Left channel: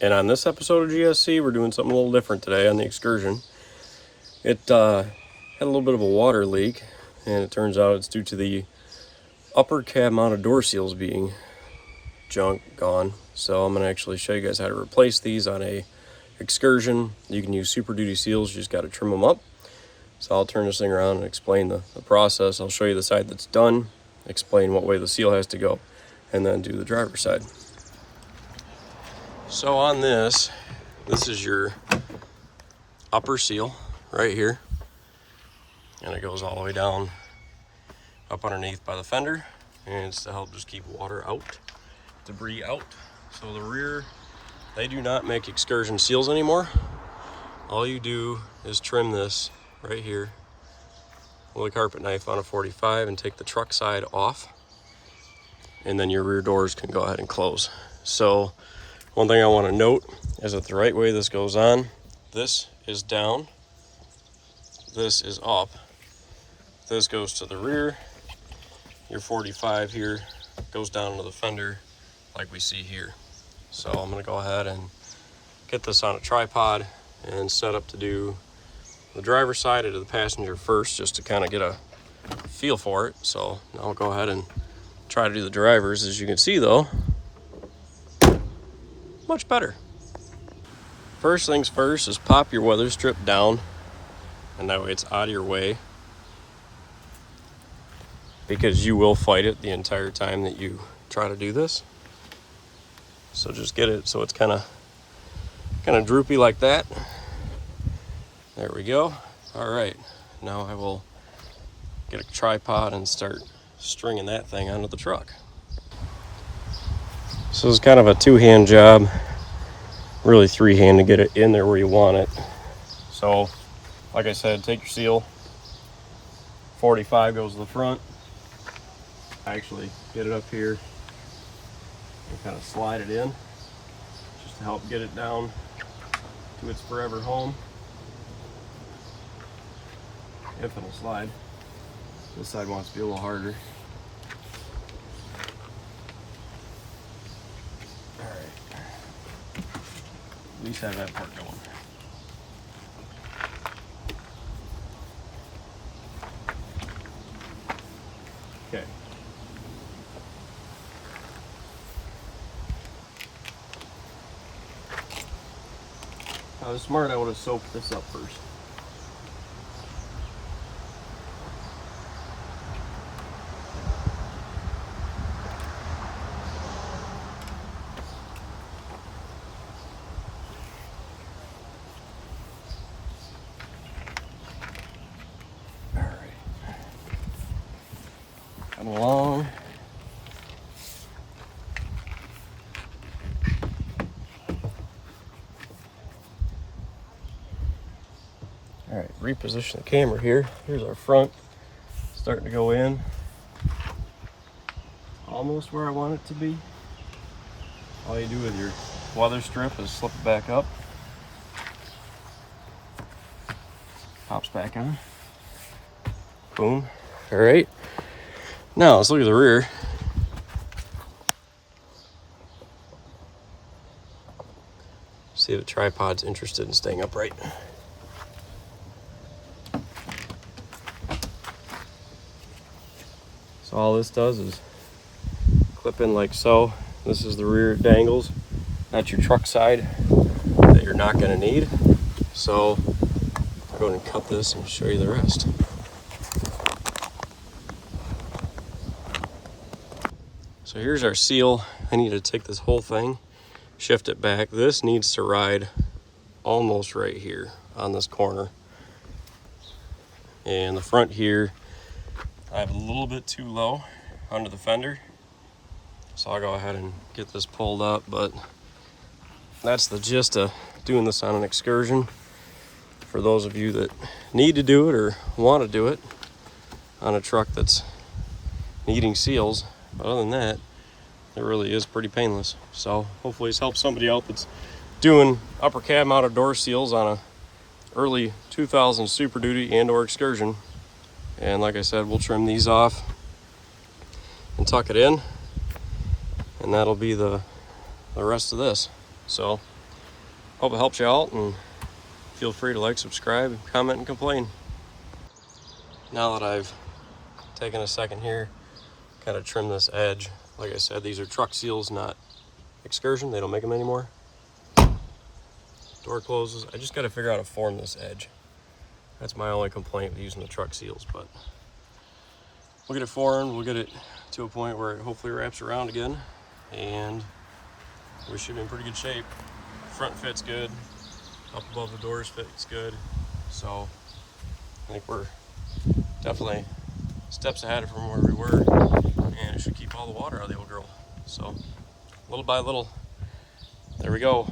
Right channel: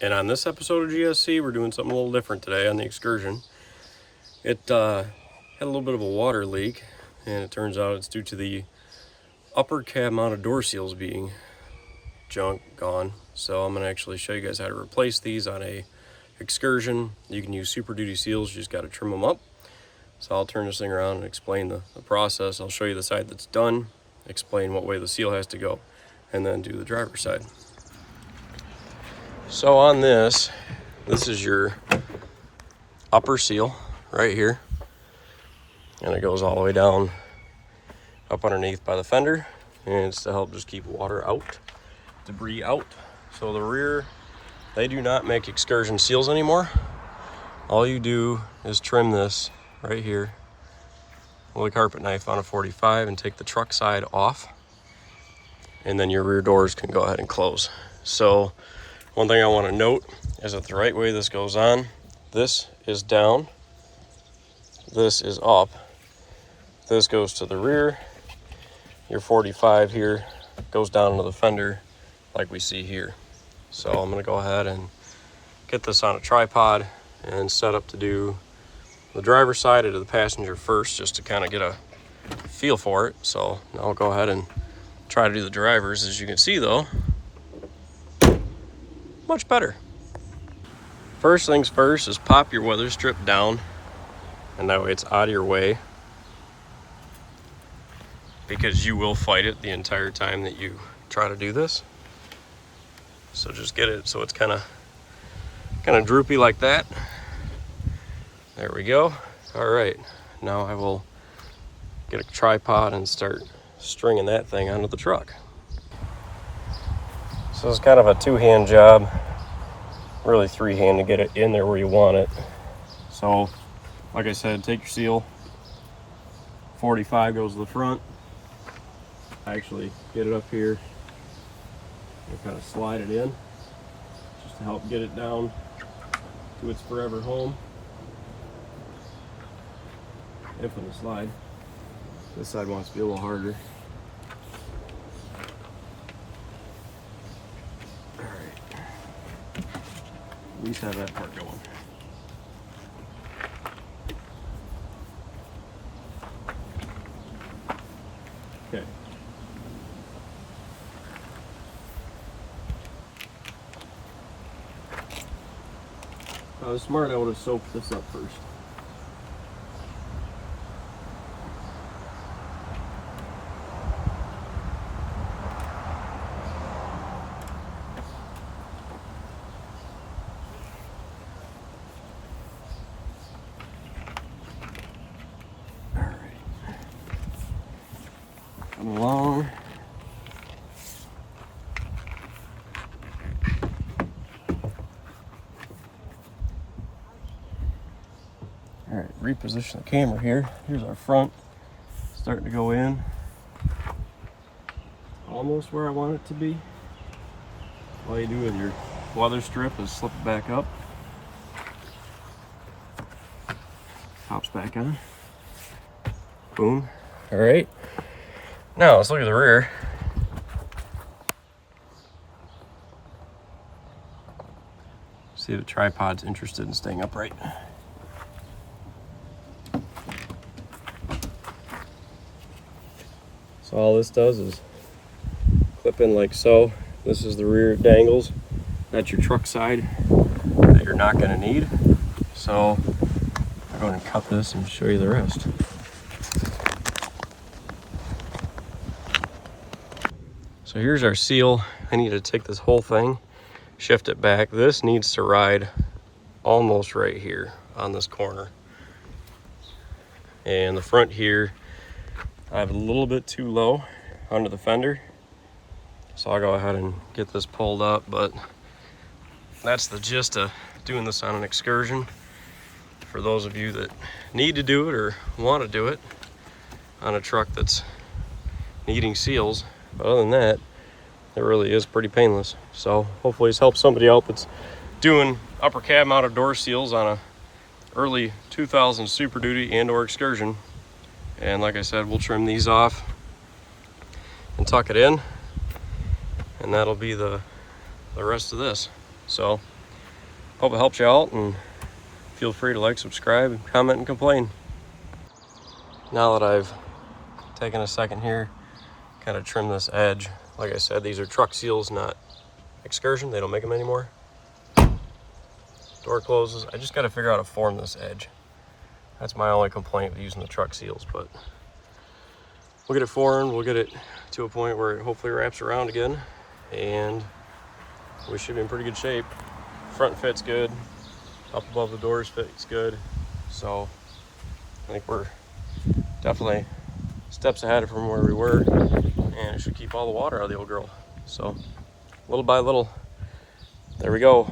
And on this episode of GSC, we're doing something a little different today on the excursion. It had a little bit of a water leak, and it turns out it's due to the upper cab mounted door seals being gone. So I'm going to actually show you guys how to replace these on a excursion. You can use Super Duty seals, you just got to trim them up. So I'll turn this thing around and explain the process. I'll show you the side that's done, explain what way the seal has to go, and then do the driver's side. So on this is your upper seal right here, and it goes all the way down up underneath by the fender, and it's to help just keep water out, debris out. So the rear, they do not make excursion seals anymore. All you do is trim this right here with a carpet knife on a 45 and take the truck side off, and then your rear doors can go ahead and close. So one thing I want to note is that the right way this goes on, this is down, this is up, this goes to the rear, your 45 here goes down into the fender like we see here. So I'm going to go ahead and get this on a tripod and set up to do the driver's side into the passenger first, just to kind of get a feel for it. So now I'll go ahead and try to do the drivers. As you can see though, much better. First things first is pop your weather strip down, and that way it's out of your way, because you will fight it the entire time that you try to do this. So just get it so it's kind of droopy like that. There we go. All right, now I will get a tripod and start stringing that thing onto the truck. So it's kind of a two-hand job, really three-hand to get it in there where you want it. So like I said, take your seal, 45 goes to the front. I actually get it up here and kind of slide it in just to help get it down to its forever home, if it'll slide. This side wants to be a little harder. At least have that part going. Okay. If I was smart, I would have soaked this up first. Come along. All right, reposition the camera here. Here's our front, starting to go in. Almost where I want it to be. All you do with your weather strip is slip it back up. Pops back on. Boom. All right. Now let's look at the rear. See if the tripod's interested in staying upright. So all this does is clip in like so. This is the rear dangles. That's your truck side that you're not going to need. So I'll go ahead and cut this and show you the rest. So here's our seal. I need to take this whole thing, shift it back. This needs to ride almost right here on this corner. And the front here, I have a little bit too low under the fender. So I'll go ahead and get this pulled up, but that's the gist of doing this on an excursion. For those of you that need to do it or want to do it on a truck that's needing seals. Other than that, it really is pretty painless. So hopefully it's helped somebody out that's doing upper cab mounted door seals on a early 2000 Super Duty and or excursion. And like I said, we'll trim these off and tuck it in, and that'll be the rest of this. So hope it helps you out, and feel free to like, subscribe, comment, and complain. Now that I've taken a second here, kind of trim this edge. Like I said, these are truck seals, not excursion. They don't make them anymore. Door closes. I just got to figure out how to form this edge. That's my only complaint with using the truck seals, but we'll get it formed. We'll get it to a point where it hopefully wraps around again, and we should be in pretty good shape. Front fit's good. Up above the doors fits good. So I think we're definitely steps ahead from where we were, and it should keep all the water out of the old girl. So little by little, there we go.